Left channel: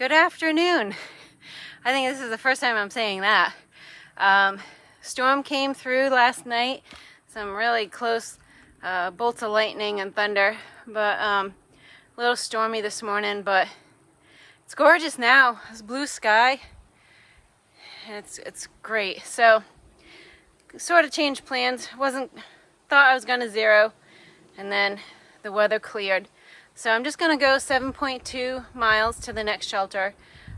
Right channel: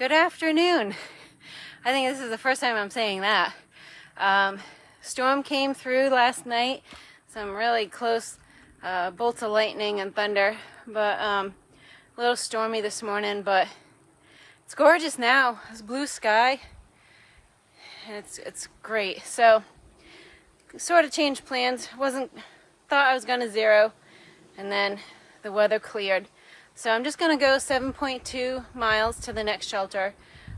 Good afternoon. I think this is the first time I'm saying that. Storm came through last night. Some really close bolts of lightning and thunder, but a little stormy this morning, but it's gorgeous now. It's blue sky, and it's great. So sort of changed plans. Thought I was gonna zero, and then the weather cleared. So I'm just gonna go 7.2 miles to the next shelter.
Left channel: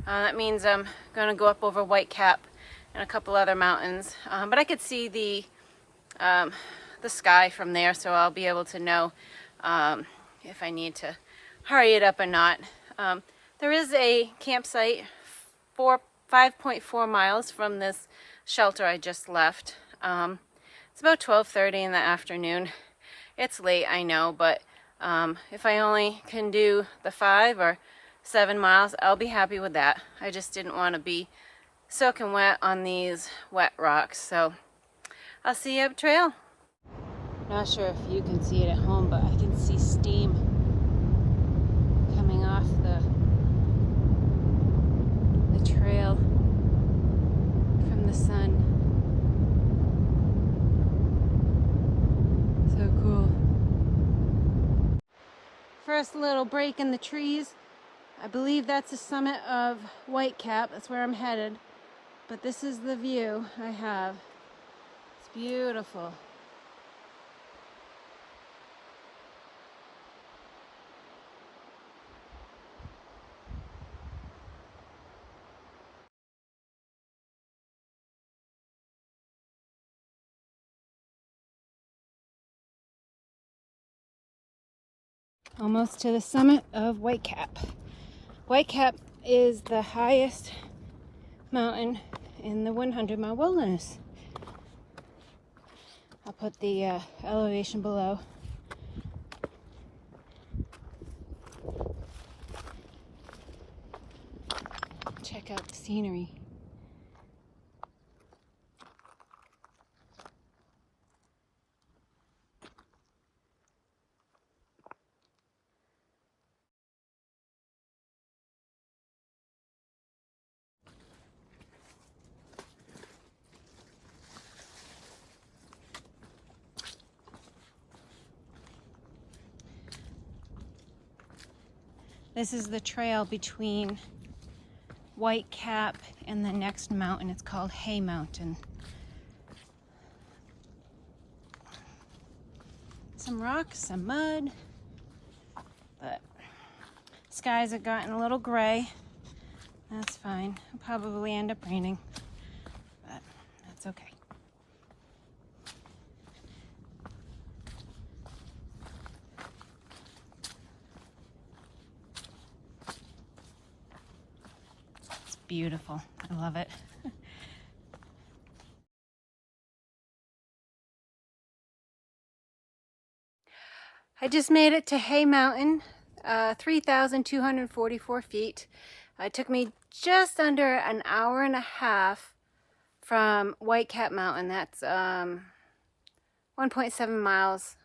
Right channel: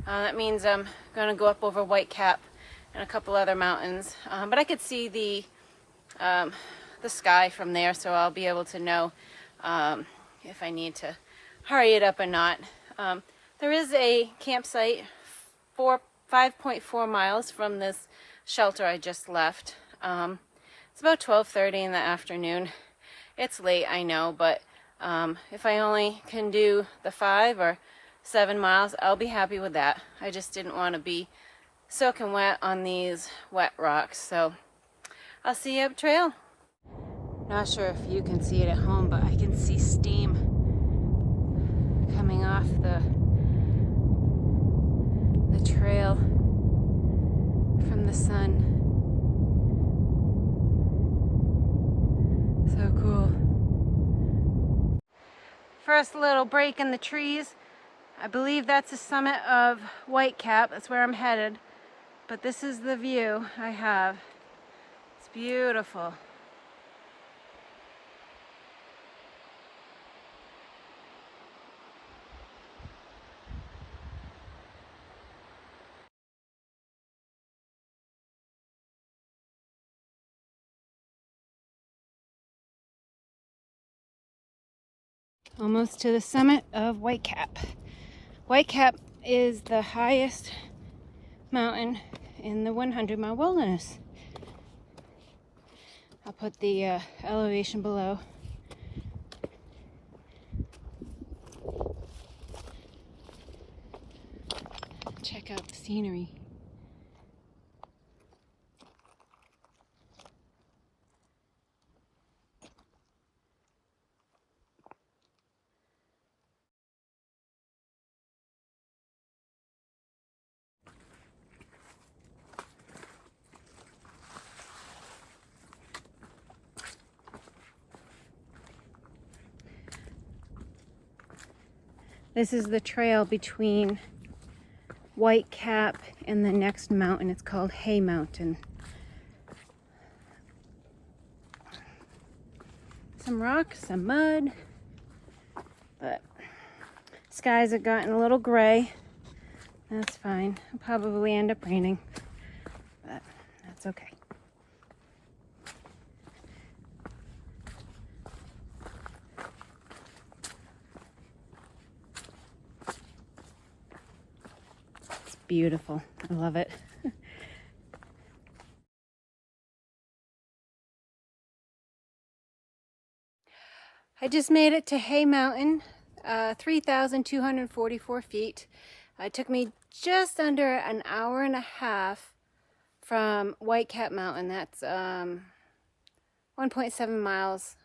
That means I'm gonna go up over Whitecap and a couple other mountains. But I could see the sky from there, so I'll be able to know if I need to hurry it up or not. There is a campsite 5.4 miles from this shelter I just left. It's about 12:30 in the afternoon. It's late, I know, but if I only can do the 5 or 7 miles, I'll be happy with that. I just didn't want to be soaking wet on these wet rocks, so I'll see you up trail. Not sure if you can see it at home, but I can see steam coming off the trail from the sun. So cool. First little break in the trees. I believe that's the summit of Whitecap. That's where I'm headed. But this is the view I have. It's beautiful. Almost to the summit of Whitecap. Whitecap is the highest mountain in the 100-mile wilderness. I'll put the elevation below. Check out the scenery. This is the trail between Whitecap and the next mountain. It's called Hay Mountain. Some rocks, some mud, but skies have gotten a little gray. That's fine. It'll probably end up raining, but that's okay. Beautiful. I love it. I just made it to Hay Mountain, 3,244 feet. It took me just under an hour and a half from Whitecap Mountain. That's 1.7 miles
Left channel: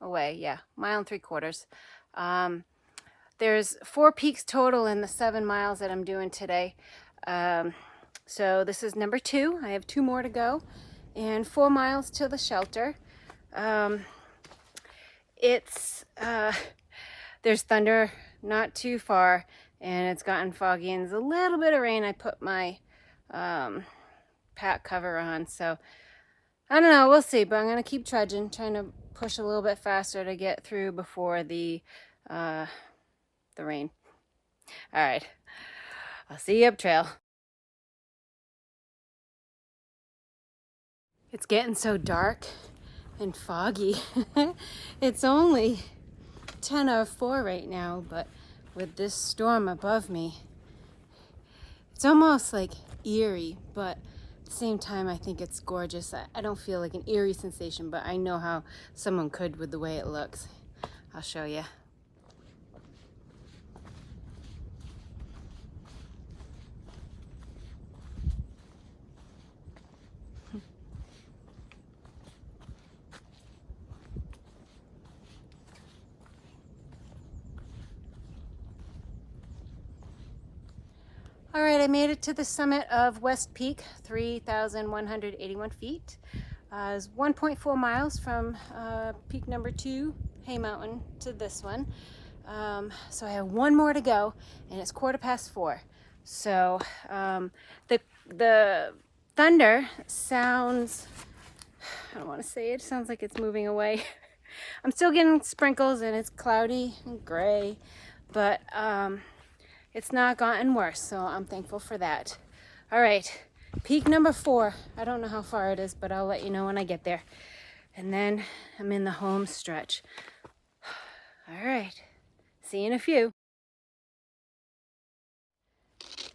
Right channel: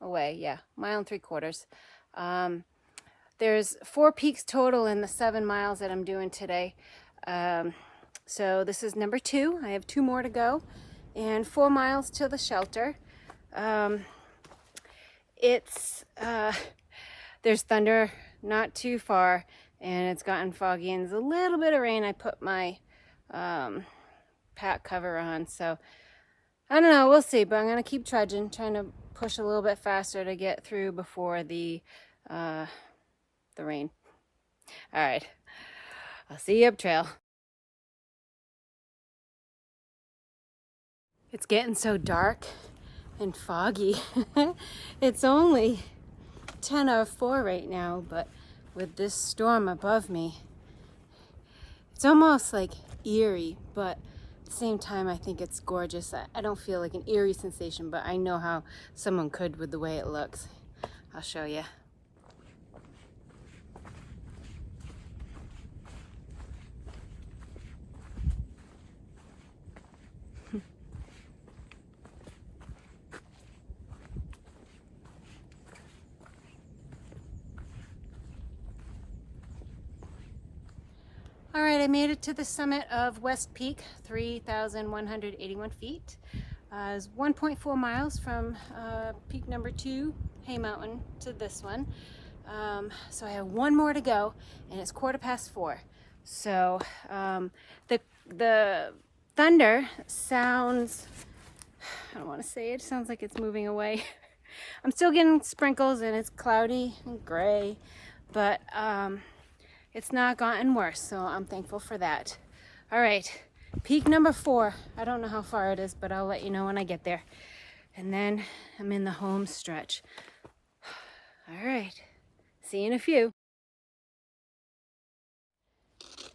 away. Yeah, 1.75 miles. There's 4 peaks total in the 7 miles that I'm doing today. So this is number 2. I have 2 more to go and 4 miles to the shelter. There's thunder not too far, and it's gotten foggy and there's a little bit of rain. I put my pack cover on, so I don't know, we'll see, but I'm gonna keep trudging, trying to push a little bit faster to get through before the rain. All right, I'll see you up trail. It's getting so dark and foggy. It's only 10:04 right now, but with this storm above me, it's almost like eerie, but at the same time I think it's gorgeous. I don't feel like an eerie sensation, but I know how someone could with the way it looks. I'll show you. All right, I made it to the summit of West Peak, 3,181 feet. It's 1.4 miles from peak number 2, Hay Mountain, to this one. So I have one more to go, and it's 4:15. So the thunder sounds, I don't want to say it sounds like it's moving away. I'm still getting sprinkles, and it's cloudy and gray, but it's not gotten worse, so I'm thankful for that. All right, peak number 4. I don't know how far it is, but I'll let you know when I get there. And then I'm in the home stretch. All right, see you in a few.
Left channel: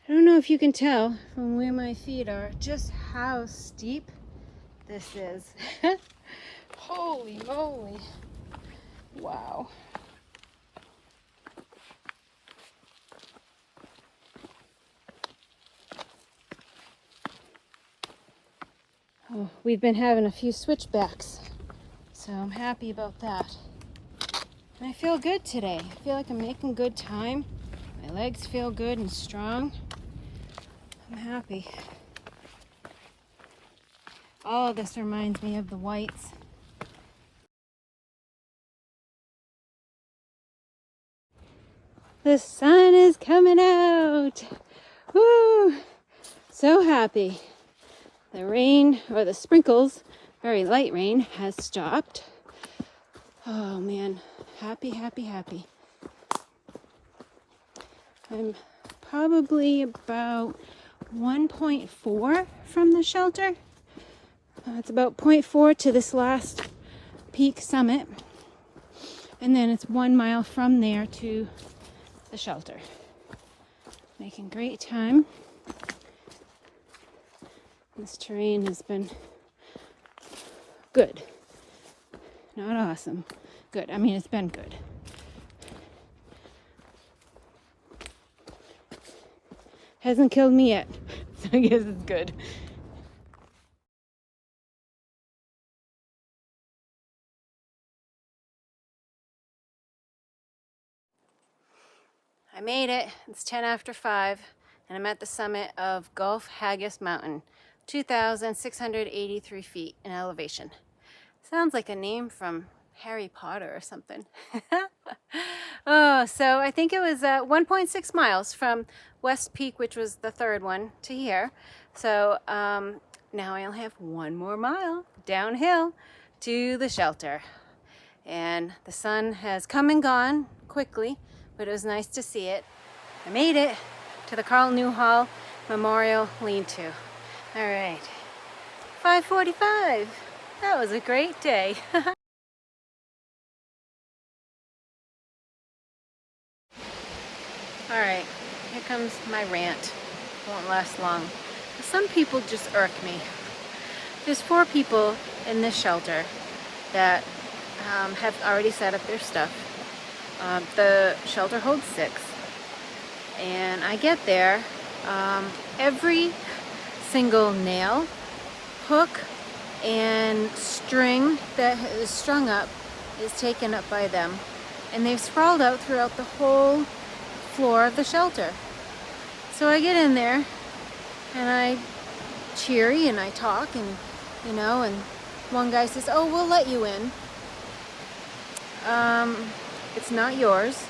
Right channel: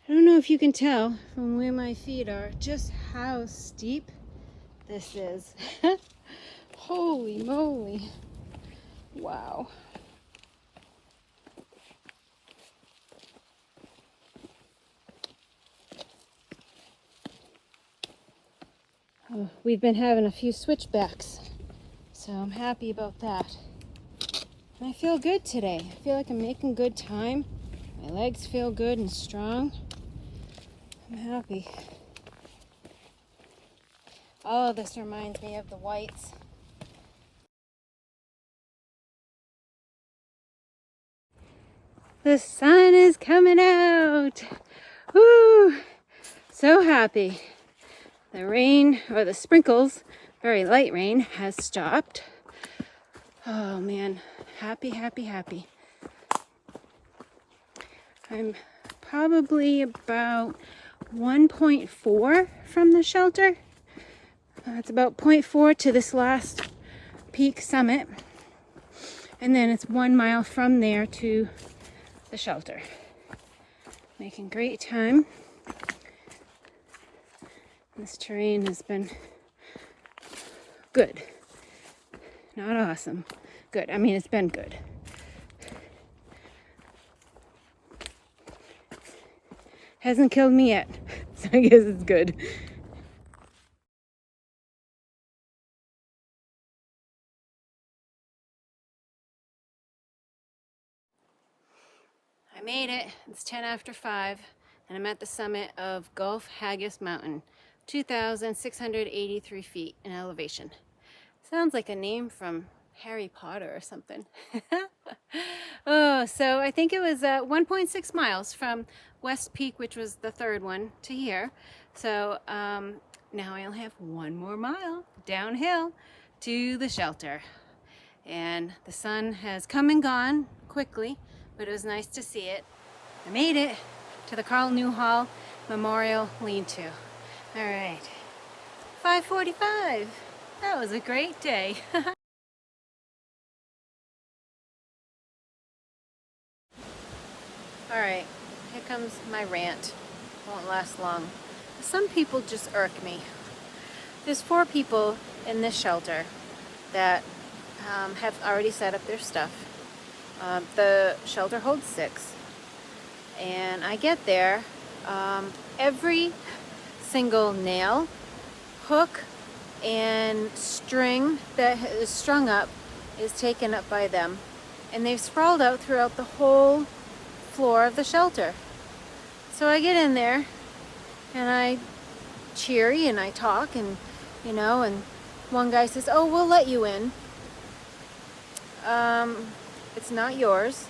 I don't know if you can tell from where my feet are just how steep this is. Holy moly. Wow. Oh, we've been having a few switchbacks, so I'm happy about that. And I feel good today. I feel like I'm making good time. My legs feel good and strong. I'm happy. All of this reminds me of the whites. The sun is coming out. Woo! So happy. The rain, or the sprinkles, very light rain, has stopped. Oh man, happy, happy, happy. I'm probably about 1.4 from the shelter. It's about 0.4 to this last peak summit. And then it's 1 mile from there to the shelter. Making great time. This terrain has been good. Not awesome. Good. I mean, it's been good. Hasn't killed me yet, so I guess it's good. I made it. It's 10 after 5, and I'm at the summit of Gulf Haggis Mountain, 2,683 feet in elevation. Sounds like a name from Harry Potter or something. Oh, so I think it was 1.6 miles from West Peak, which was the third one, to here. So now I only have 1 more mile downhill to the shelter. And the sun has come and gone quickly, but it was nice to see it. I made it to the Carl Newhall Memorial Lean-To. All right, 5:45. That was a great day. All right, here comes my rant. Won't last long. Some people just irk me. There's 4 people in this shelter that have already set up their stuff. The shelter holds 6, and I get there. Every single nail, hook, and string that is strung up is taken up by them, and they've sprawled out throughout the whole floor of the shelter. So I get in there and I cheery and I talk, and and one guy says, "Oh, we'll let you in. It's not yours,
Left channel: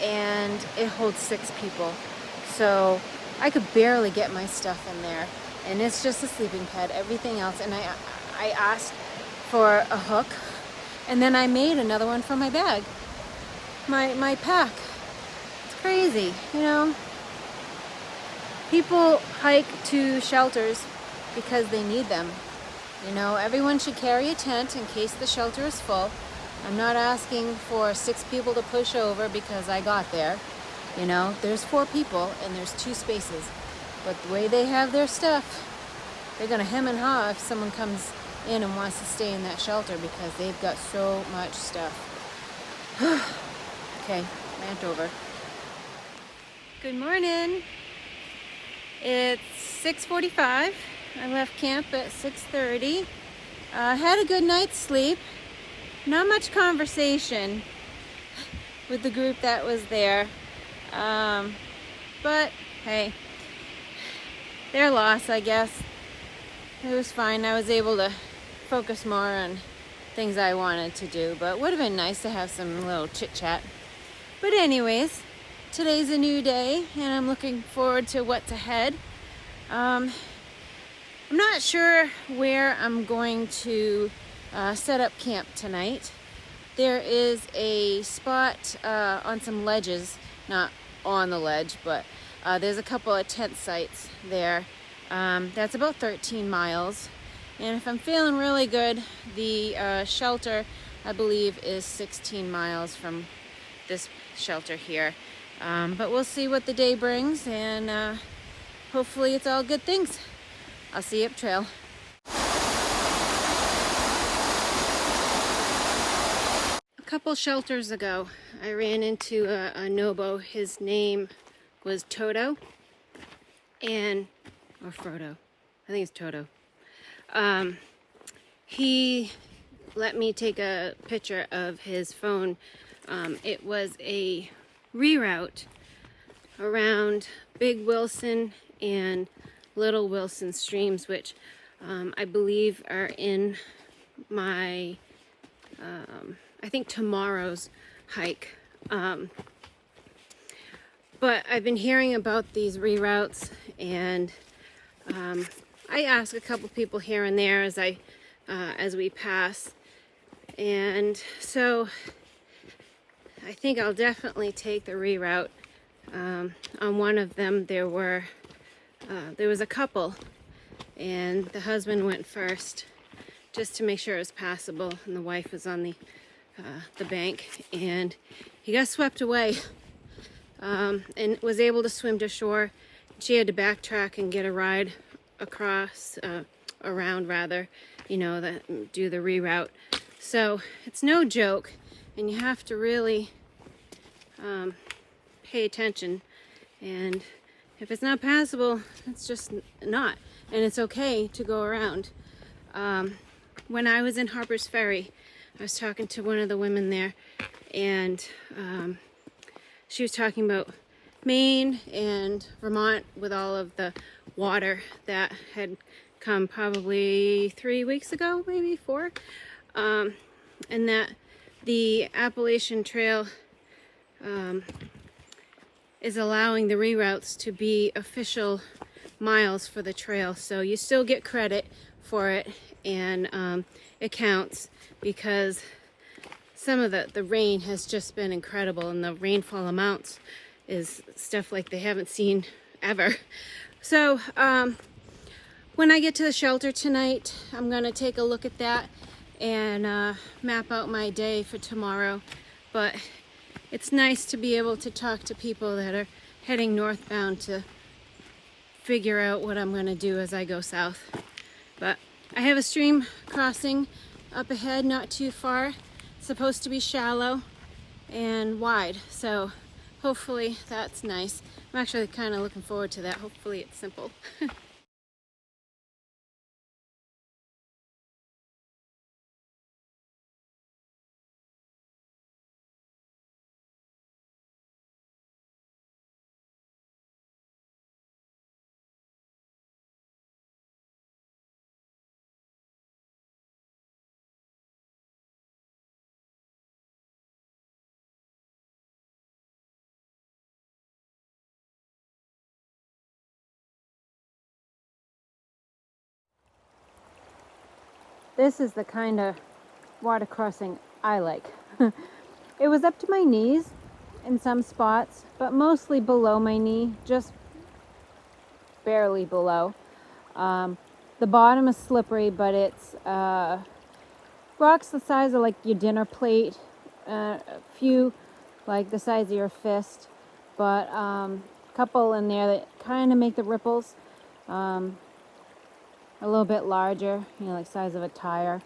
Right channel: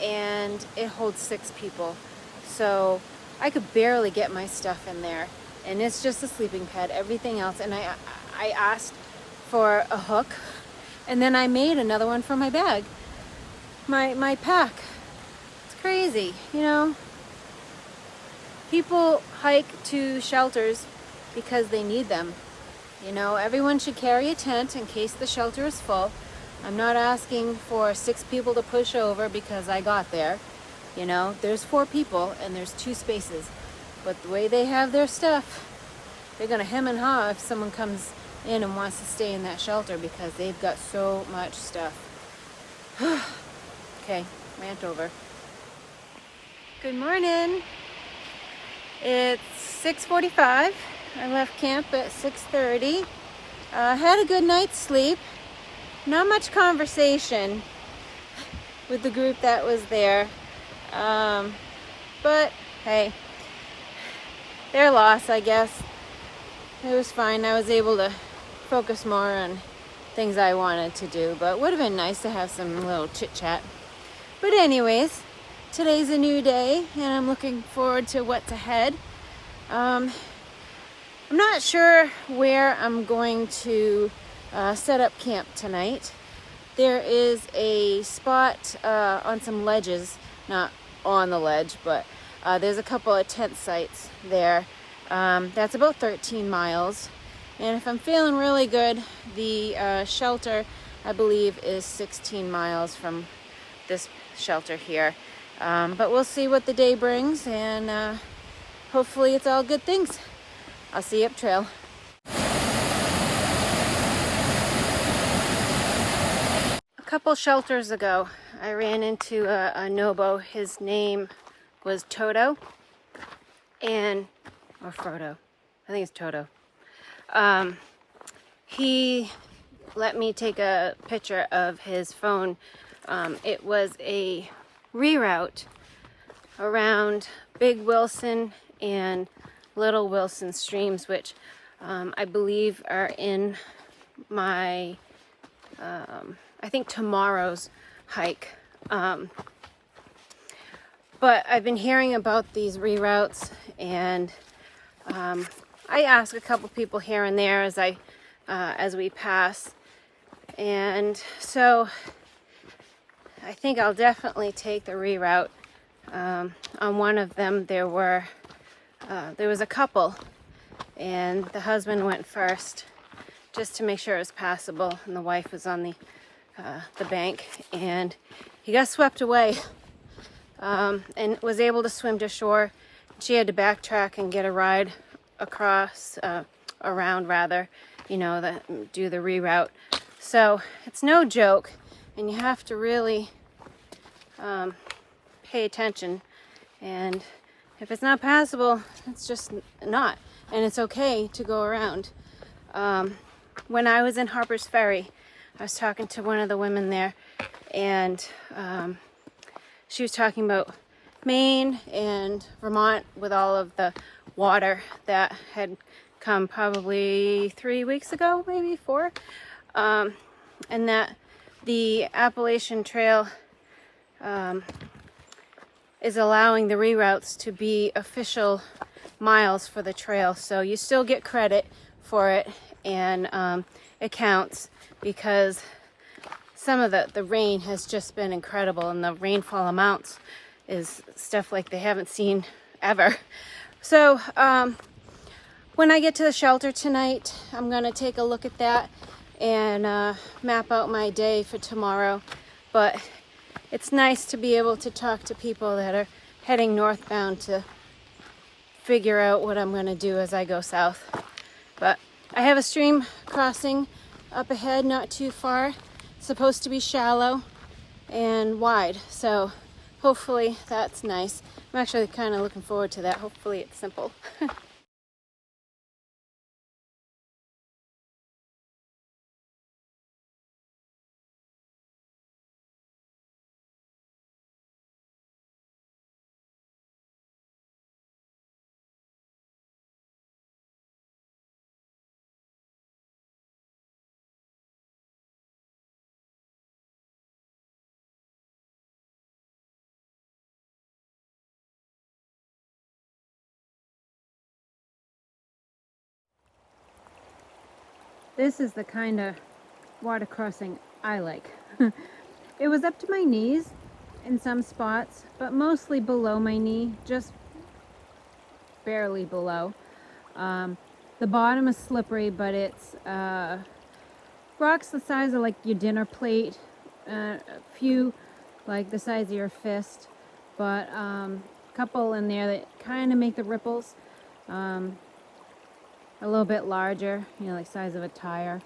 and it holds 6 people." So I could barely get my stuff in there, and it's just a sleeping pad, everything else. And I asked for a hook, and then I made another one for my bag, my pack. It's crazy, People hike to shelters because they need them. Everyone should carry a tent in case the shelter is full. I'm not asking for 6 people to push over because I got there. There's 4 people and there's 2 spaces. But the way they have their stuff, they're gonna hem and haw if someone comes in and wants to stay in that shelter because they've got so much stuff. Okay, rant over. Good morning. It's 6:45. I left camp at 6:30. Had a good night's sleep. Not much conversation with the group that was there. But hey, their loss, I guess. It was fine. I was able to focus more on things I wanted to do, but it would have been nice to have some little chit chat. But anyways, today's a new day and I'm looking forward to what's ahead. I'm not sure where I'm going to set up camp tonight. There is a spot on some ledges, not on the ledge, but there's a couple of tent sites there. That's about 13 miles. And if I'm feeling really good, the shelter, I believe, is 16 miles from this shelter here. But we'll see what the day brings, and hopefully it's all good things. I'll see you up trail. A couple shelters ago, I ran into a Nobo. His name was Toto, or Frodo. I think it's Toto. He let me take a picture of his phone. It was a reroute around Big Wilson and Little Wilson streams, which I believe are in my, I think tomorrow's hike. But I've been hearing about these reroutes, and I ask a couple people here and there as we pass, and so I think I'll definitely take the reroute. On one of them, there was a couple, and the husband went first just to make sure it was passable, and the wife was on the bank, and he got swept away, and was able to swim to shore. She had to backtrack and get a ride across, around rather, do the reroute. So it's no joke, and you have to really pay attention, and if it's not passable, it's just not, and it's okay to go around. When I was in Harper's Ferry, I was talking to one of the women there, and she was talking about Maine and Vermont with all of the water that had come probably 3 weeks ago, maybe 4, and that the Appalachian Trail is allowing the reroutes to be official miles for the trail, so you still get credit for it, and it counts, because some of the rain has just been incredible, and the rainfall amounts is stuff like they haven't seen ever. So when I get to the shelter tonight, I'm gonna take a look at that and map out my day for tomorrow. But it's nice to be able to talk to people that are heading northbound to figure out what I'm gonna do as I go south. But I have a stream crossing up ahead, not too far. It's supposed to be shallow and wide, so hopefully that's nice. I'm actually kind of looking forward to that. Hopefully it's simple. This is the kind of water crossing I like. It was up to my knees in some spots, but mostly below my knee, just barely below. The bottom is slippery, but it's rocks the size of like your dinner plate, a few like the size of your fist, but a couple in there that kind of make the ripples a little bit larger, like size of a tire.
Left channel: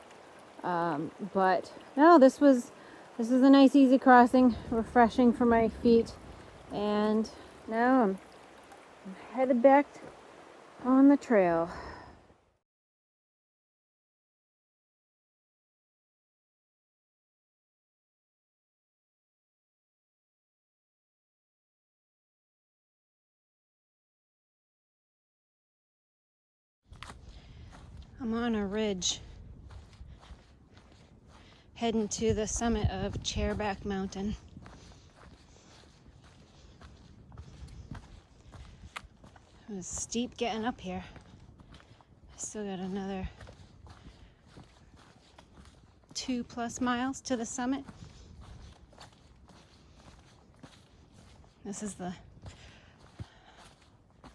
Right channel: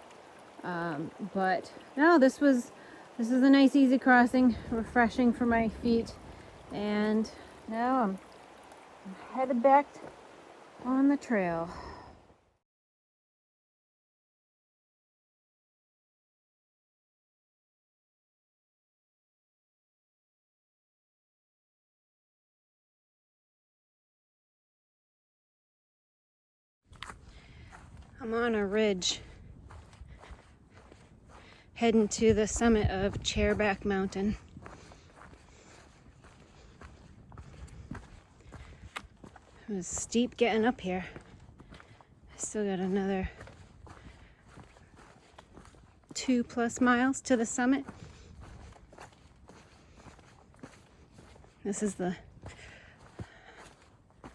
But no, this is a nice easy crossing, refreshing for my feet, and now I'm headed back on the trail. I'm on a ridge heading to the summit of Chairback Mountain. It was steep getting up here. I still got another 2+ miles to the summit. This is the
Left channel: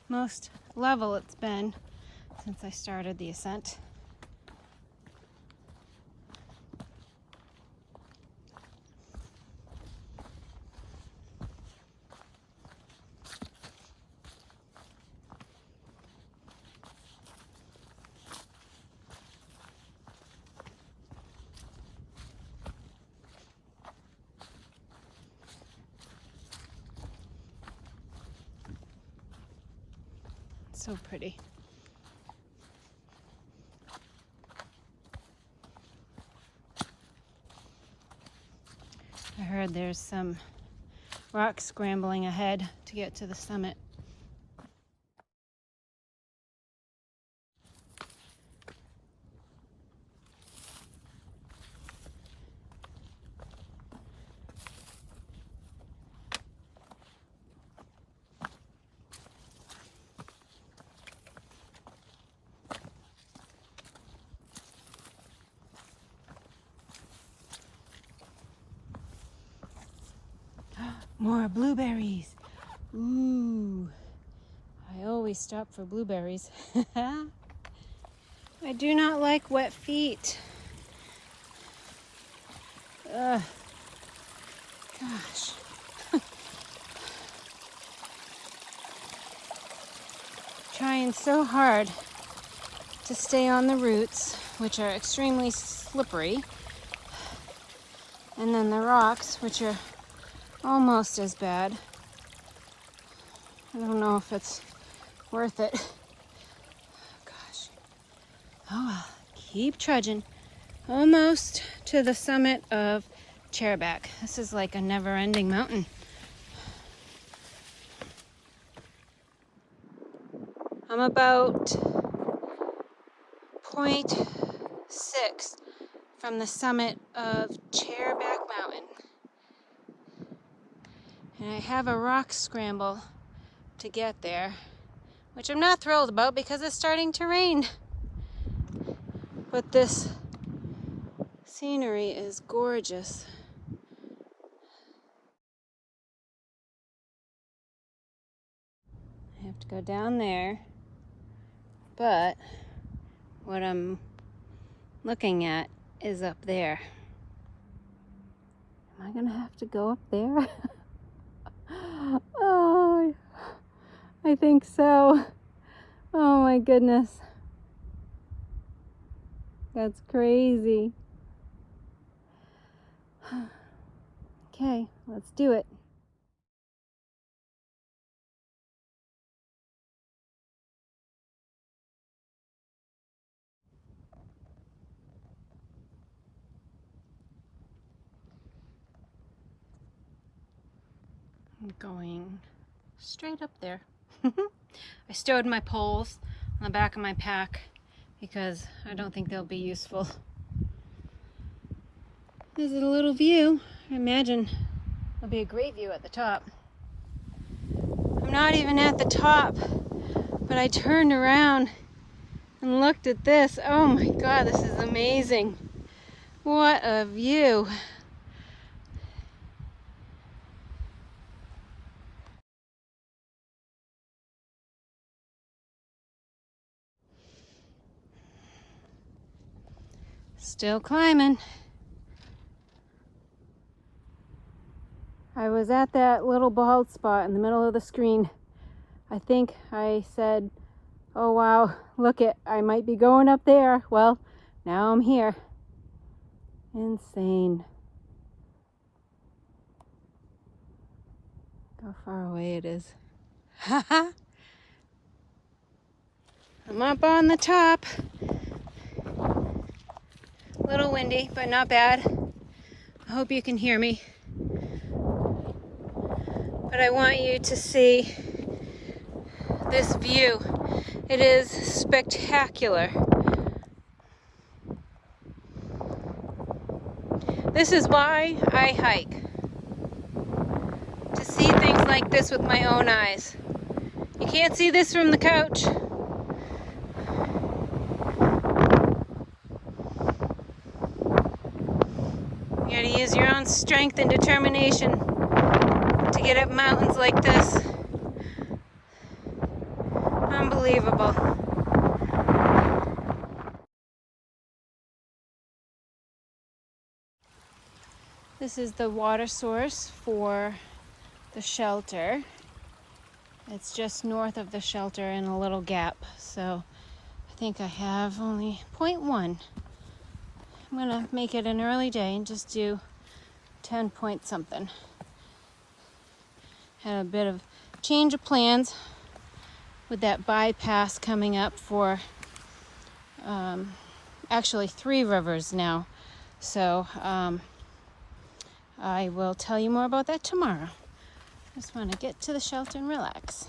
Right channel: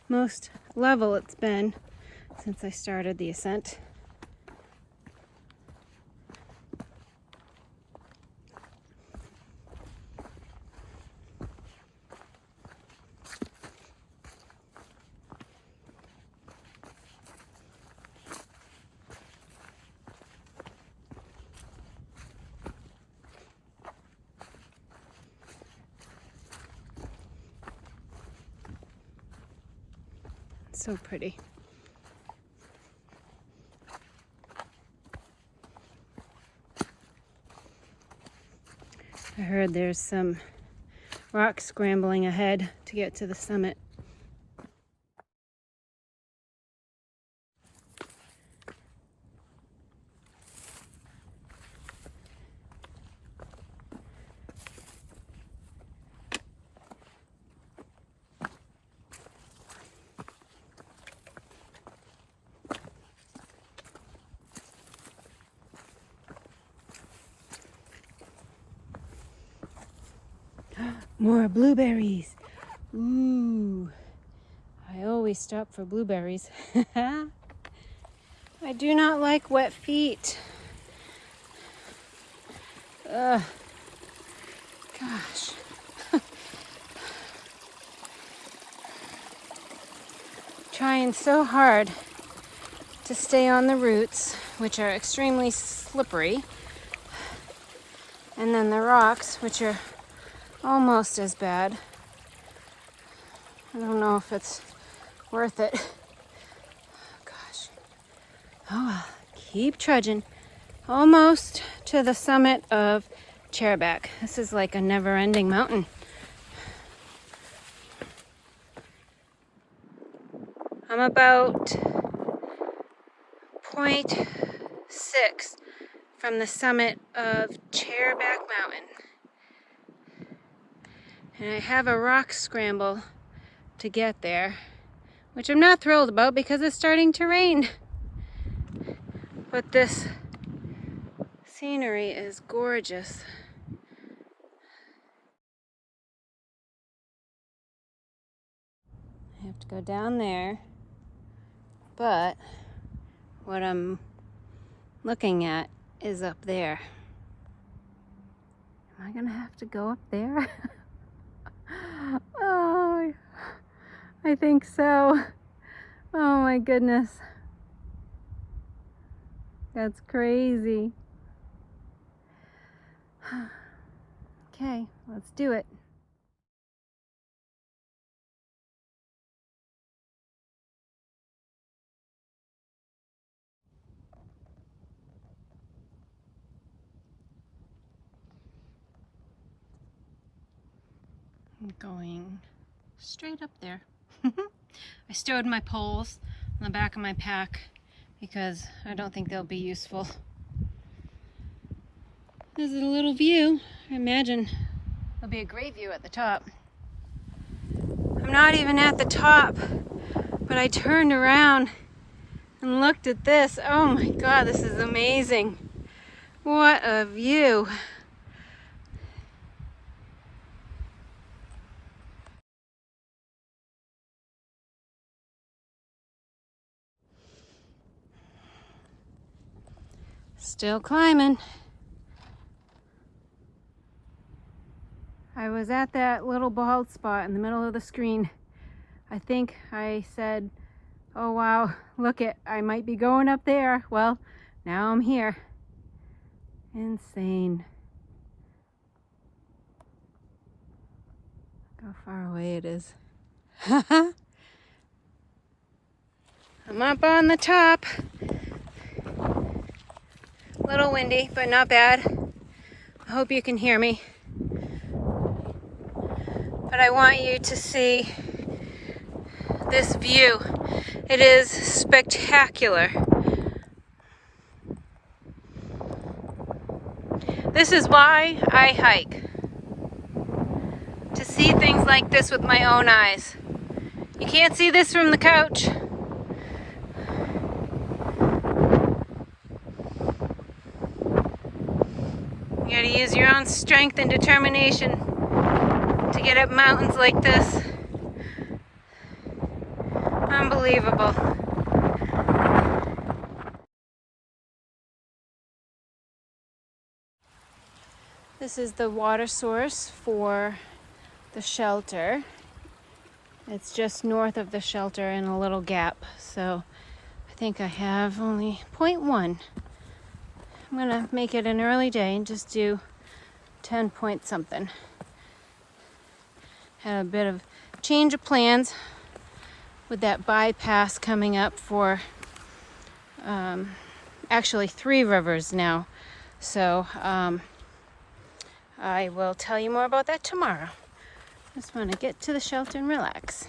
most level it's been since I started the ascent. So pretty. I heard there's some rock scrambling ahead to get to the summit. More blueberries. Ooh, I always stop for blueberries. I do not like wet feet. Ugh. Gosh. Trying so hard to stay on the roots, which are extremely slippery, and then the rocks, which are almost as bad. I don't know if it's worth it. Gosh. Oh well, keep trudging. Almost to the summit of Chairback. This is like a never-ending mountain. I'm about 0.6 from the summit of Chairback Mountain. And I have a rock scramble to get there, which I'm not thrilled about because it's starting to rain. But this scenery is gorgeous. I have to go down there, but what I'm looking at is up there. Am I gonna have to go up there? Oh, I think so. Oh my goodness. That's crazy. Okay, let's do it. I'm going straight up there. I stowed my poles on the back of my pack because I don't think they'll be useful. This is a little view. I imagine there'll be a great view at the top. I'm not even at the top, but I turned around and looked at this. Oh my God, this is amazing. What a view. Still climbing. I was at that little bald spot in the middle of the screen. I think I said, oh wow, look it, I might be going up there. Well, now I'm here. Insane. Look how far away it is. Haha. I'm up on the top. A little windy, but not bad. I hope you can hear me. But I want you to see this view. It is spectacular. This is why I hike. To see things like this with my own eyes. You can't see this from the couch. You gotta use your own strength and determination to get up mountains like this. Unbelievable. This is the water source for the shelter. It's just north of the shelter in a little gap. So I think I have only 0.1. I'm gonna make it an early day and just do 10 point something. Had a bit of change of plans with that bypass coming up for actually 3 rivers now. So I will tell you more about that tomorrow. Just want to get to the shelter and relax.